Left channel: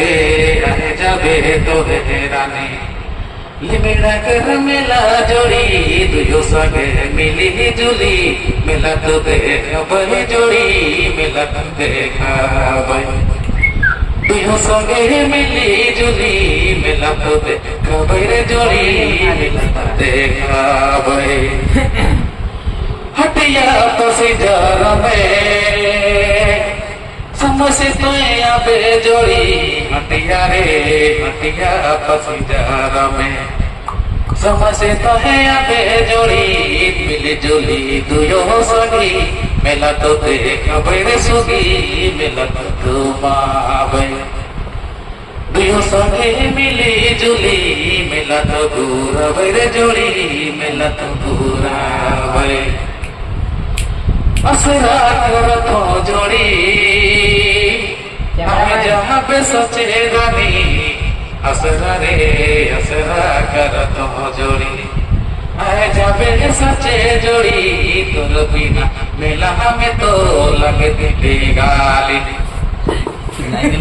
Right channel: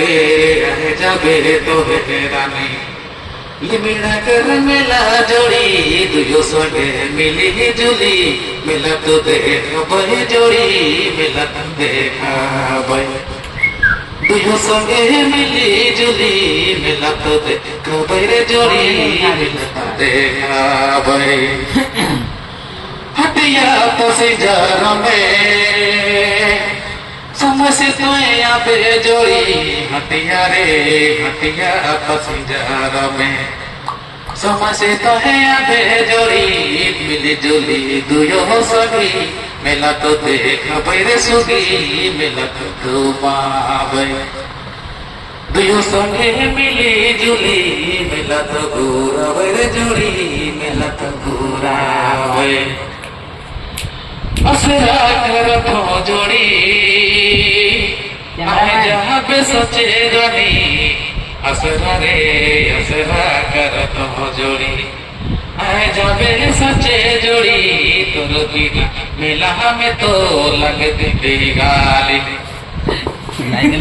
लगे रह जाबे तो रानी ये मेरा कर मेला जोड़ी दुयो संगे मिली जुली मेला तो देखा बहे जोड़ी मेला तो देखा बहे दुयो संगे मिली जुली मेला तो देखा बहे जोड़ी मेला तो देखा बहे हटिया तो सिजार में समझ तो या बेजोड़ी हटिया रे हटिया तो सिजार में समझ तो है या बेजोड़ी मिली जुली दुयो सगी मेला तो देखा बैरे सुगी मेला तो घुमावे दुयो संगे मिली जुली मेला तो घूरा बैरे जोड़ी मेला तो घूरावे असरा कर तो जोड़ी आए जहाँ पे सचे रानी असरा रे असरा कर तो जोड़ी आए जाबे सचे जोड़ी तोर बिना मेला में तो लगती गाली